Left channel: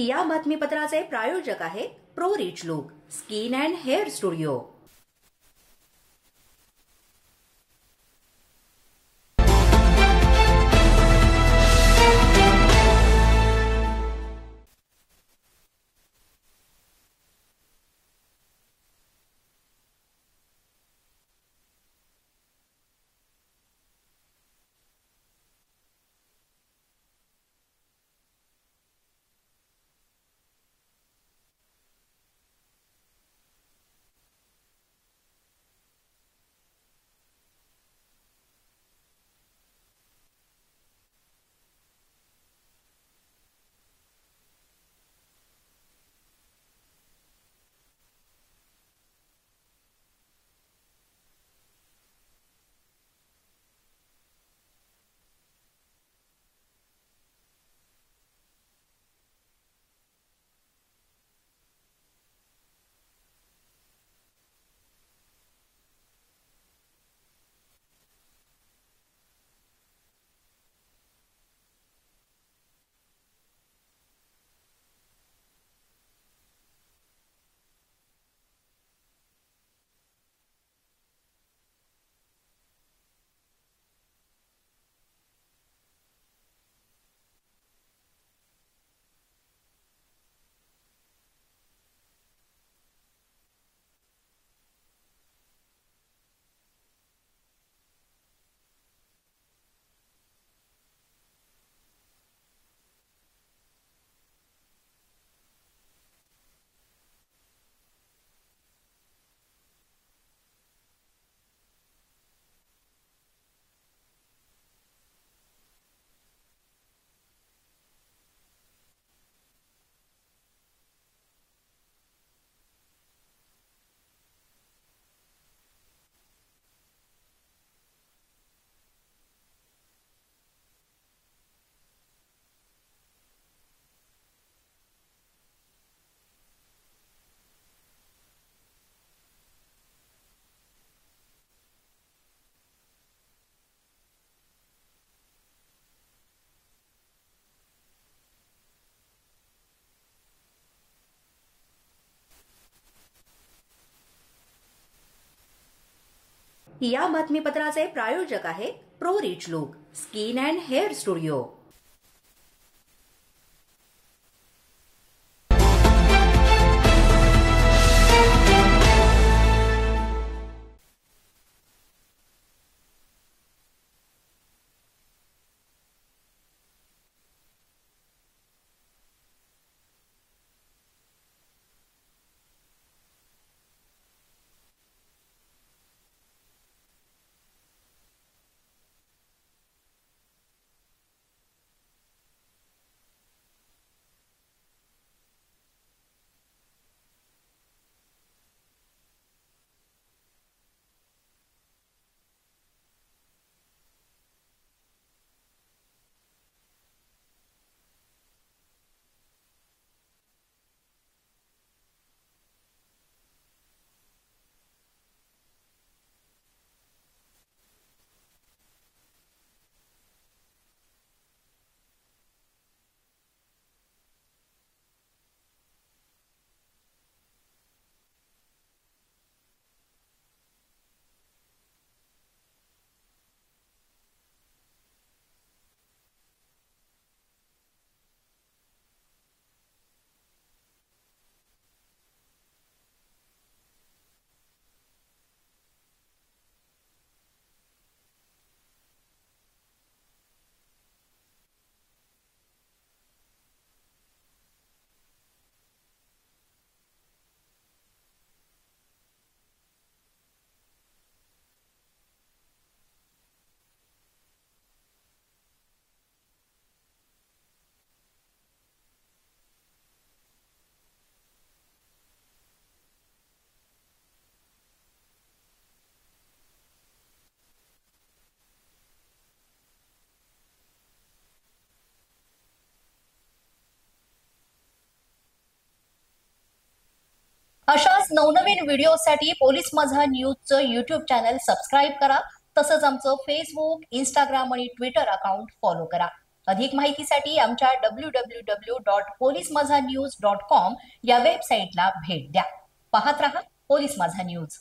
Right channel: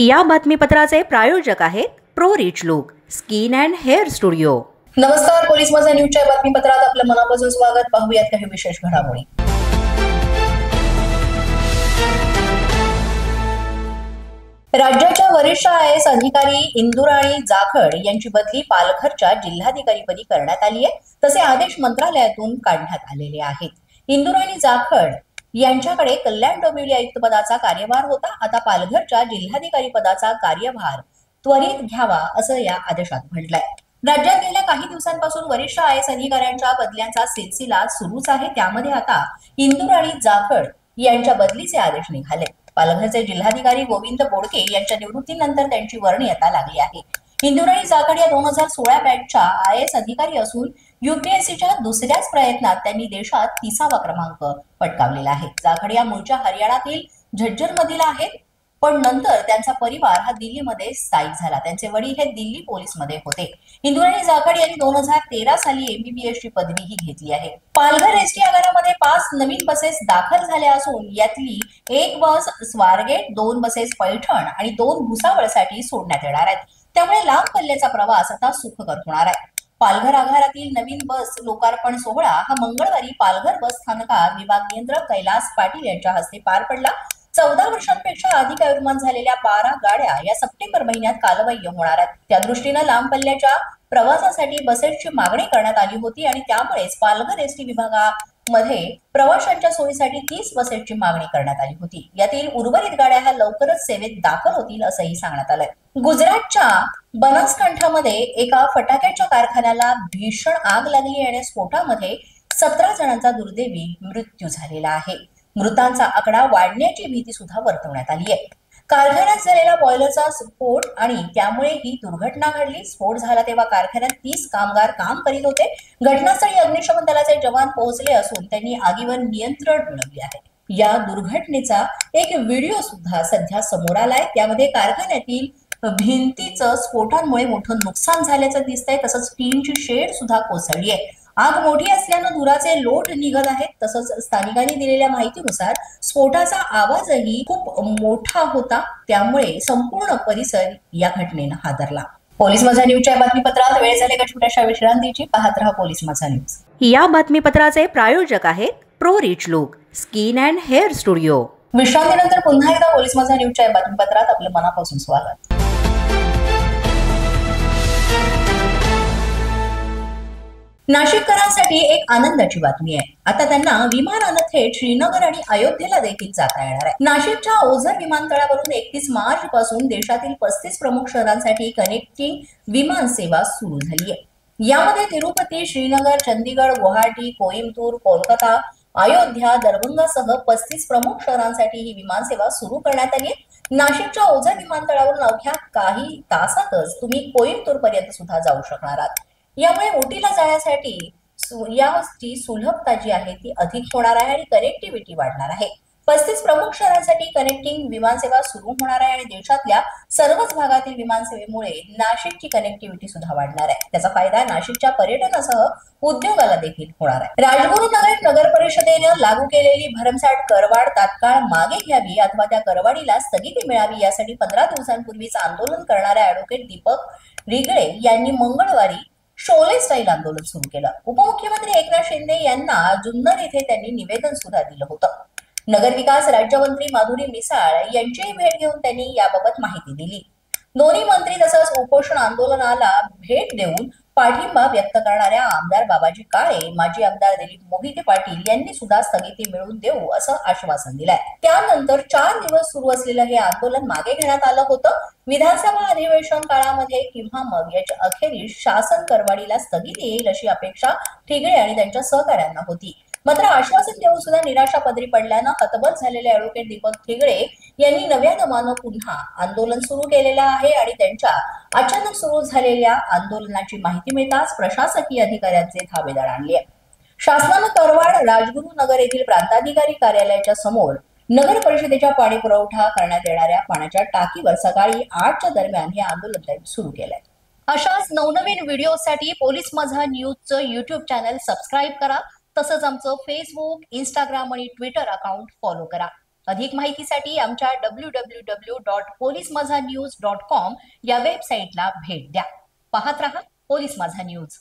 या बातमीपत्राचे प्रायोजक आहेत pro rich look skin and hair studio. नमस्कार, पोलीस माझा न्यूजच्या बातमीपत्रात आपलं मनापासून स्वागत। पाहूयात काही विशेष घडामोडी। राज्याच्या वरिष्ठ IAS अधिकारी इंदुराणी जाखड यांची बदली पालघरच्या जिल्हाधिकारीपदी करण्यात आली आहे। तसे आदेश मंत्रालयातून काढण्यात आलेले आहेत। इंदुराणी जाखड यांच्याकडे कल्याण डोंबिवली आयुक्त पदाचा कार्यभार होता। आता पालघरच्या जिल्हाधिकारी पदाचा कार्यभार त्वरित घ्यावा असं या आदेशात म्हटलंय। राज्यात गेल्या काही दिवसांपासून वरिष्ठ IAS अधिकाऱ्यांच्या बदल्यांचा सिलसिला सुरूच आहे। त्यामध्ये आता इंदुराणी जाखड यांच्या बदलीचे आदेश निघाले। पालघरचे जिल्हाधिकारी गोविंद बोडके यांच्या निवृत्तीनंतर त्यांची वर्णी आता लागली आहे। इंदुराणी जाखड या 2016 बॅचच्या IAS अधिकारी असून UPSCच्या दुसऱ्याच प्रयत्नात त्यांनी देशात 30वा क्रमांक पटकावलेला आहे। जाखड या मूळच्या हरियाणातील झज्जर मधील आहेत, पण नंतर त्यांचा परिवार हा दिल्लीमध्ये स्थायिक झाला। त्यांचे वडील हे दिल्ली पोलीसमध्ये होते। इंदुराणी जाखड यांनी 2013 साली MBBS ची पदवीही घेतली आहे। पालघर ST आगारामध्ये 5 नवीन बसेस दाखल झाल्या असून यातली एक बस स्वारगेट, 2 बसेस पैठण आणि 2 भुसावळसाठी सोडण्यात येणार आहेत। त्यामुळे लांब पल्ल्याचा प्रवास आता सुखकर होणार आहे। पालघर आगारातील नवीन बस लोकार्पण सोहळा हा मंगळवारी पालघर बस स्थानकात विभाग नियंत्रक कैलास पाटील यांच्या हस्ते पार पडला। 14 वर्षांपेक्षा अधिक आयुर्मान झालेल्या 12 गाड्या या सप्टेंबर महिन्यात कालबाह्य होणार आहेत। त्या दृष्टीने लांब पल्ल्याच्या प्रवासासाठी बसेसची मागणी करण्यात आली होती आणि त्यामुळेच पालघर ST विभागामध्ये प्रवाशांच्या सोयीसाठी 30 बसेसची मागणी करण्यात आली होती। यातील उर्वरित गाड्या ह्या लवकरच सेवेत दाखल होतील असंही सांगण्यात आलंय। गुजरातच्या बनासकांठामध्ये एका फटाक्याच्या कारखान्याला भीषण आग लागली आणि स्फोटामध्ये 17 जणांचा दुर्दैवी मृत्यू झालेला आहे। मृतांचा आकडा वाढण्याची भीती सुद्धा वर्तवण्यात आली आहे। कारखान्यात झालेला बॉयलरचा स्फोट आणि त्यामुळे ही दुर्घटना घडली। स्फोट झाला तेव्हा कारखान्यात 30 कामगार काम करीत होते। घटनास्थळी अग्निशमन दलाचे जवान पोहोचले असून त्यांनी आगीवर नियंत्रण मिळवले आहे। या दुर्घटनेचा एक व्हिडिओ सुद्धा सध्या समोर आलाय। त्यामध्ये कारखान्यातील भिंतीचं स्फोटांमुळे मोठं नुकसान झाल्याचं दिसतंय। तसंच टीनची शेड सुद्धा कोसळली आहे। आग मोठी असल्यानं धुराचे लोट निघत आहेत। तसंच स्थानिकांनी दिलेल्या माहितीनुसार स्फोटाचा आवाजही खूप मोठा होता, त्यामुळे संपूर्ण परिसर या घटनेनं हादरला। पोलीस माझा न्यूजच्या बातमीपत्रात वेळ झाली एका छोट्याशा विश्रांतीची। पाहत रहा पोलीस माझा न्यूज। या बातमीपत्राचे प्रायोजक आहेत pro rich look skin and hair studio. विश्रांतीनंतर पुन्हा एकदा पोलीस माझा न्यूजच्या बातमीपत्रात आपलं मनापासून स्वागत। नाशिककरांसाठी एक आनंदाची बातमी आहे। आता त्यांना विमानानं थेट श्रीनगर आणि अयोध्येला देखील जाता येणार आहे। नाशिकच्या ओझर विमानतळावरून 31 मार्च पासून देशातील 35 प्रमुख शहरांसाठी कनेक्टिंग विमान सेवा सुरू झाली आहे। यामध्ये तिरुपती, श्रीनगर, चंदीगड, गुवाहाटी, कोइंबतूर, कोलकाता, अयोध्या, दरभंगासह 35 प्रमुख शहरांसाठी ही विमान सेवा सुरू करण्यात आली आहे। नाशिकच्या ओझर विमानतळावरून अवघ्या काही तासातच तुम्ही कोइंबतूर पर्यंत सुद्धा जाऊ शकणार आहात। यामुळे ओटीला जाण्यासाठी याची सुलभता जी आहे ती अधिक होणार आहे आणि कनेक्टिव्हिटी वाढणार आहे। 35 प्रमुख शहरांसाठी कनेक्टिंग विमानसेवा सुरू होणार आहे आणि देशातल्या सर्वच भागातील विमानसेवेमुळे नाशिकची कनेक्टिव्हिटी सुद्धा वाढणार आहे। त्याचा फायदा नाशिकच्या पर्यटनासह उद्योगाला देखील होणार आहे। राजगुरुनगर नगर परिषदेने लागू केलेली भरमसाठ करवाढ तात्काळ मागे घ्यावी अथवा त्या करवाढीला स्थगिती मिळावी यासाठी 15 दिवसांपूर्वीच आंदोलन करणाऱ्या ॲडव्होकेट दीपक रिगळे यांनी मंगळवारी शोले स्टाईल आंदोलन सुरू केलं। उपमुख्यमंत्री एकनाथ शिंदे यांना जुन्नर येथे त्यांनी निवेदन सुद्धा दिलं होतं। नगरविकास राज्यमंत्री माधुरी मिसाळ यांचीही भेट घेऊन त्यांनी याबाबत माहिती दिली। दोन्ही मंत्री तसंच उपोषण आंदोलनाला भेट देऊन पाठिंबा व्यक्त करणाऱ्या आमदार बाबाजी काळे, माजी आमदार दिलीप मोहिते पाटील यांनी सुद्धा स्थगिती मिळवून देऊ असं आश्वासन दिलंय। त्यानंतर 4 दिवस सुरू असलेलं हे आंदोलन मागे घेण्यात आलं होतं। विधानसभा अधिवेशन काळामध्ये किंवा मग याच्या अखेरीस शासन करवाढीला स्थगिती येईल अशी अपेक्षा ठिगळे आणि त्यांच्या सहकाऱ्यांना होती। मात्र आश्वासन देऊन सुद्धा निराशा पदरी पडल्यानं हतबल झालेले ॲडव्होकेट दीपक ठिगळे यांनी नव्या दमानं पुन्हा आंदोलन सुरू केलेलं आहे आणि त्यांच्या अचानक सुरू झालेल्या आंदोलनाची माहिती मिळताच प्रशासकीय अधिकाऱ्यांचे धावेदळ आणले। शासनानं करवाढ राजगुरुनगर येथील प्रांताधिकारी कार्यालयाच्या समोर नगर परिषदेच्या पाणी पुरवठा करण्यात येणाऱ्या पाण्याच्या टाकीवर सकाळी 8च्या दरम्यान हे आंदोलन सुरू केलंय। अशाच नवनवीन व्हिडिओसाठी पोलीस माझा न्यूजचं YouTube चॅनल सबस्क्राईब करा। तसंच आमचं फेसबुक, इंस्टाग्राम आणि ट्विटर अकाउंट फॉलो करा। अधिक माहितीसाठी आमच्या www.polismazhanews.com या वेबसाईटला भेट द्या. पाहत रहा पोलीस माझा न्यूज.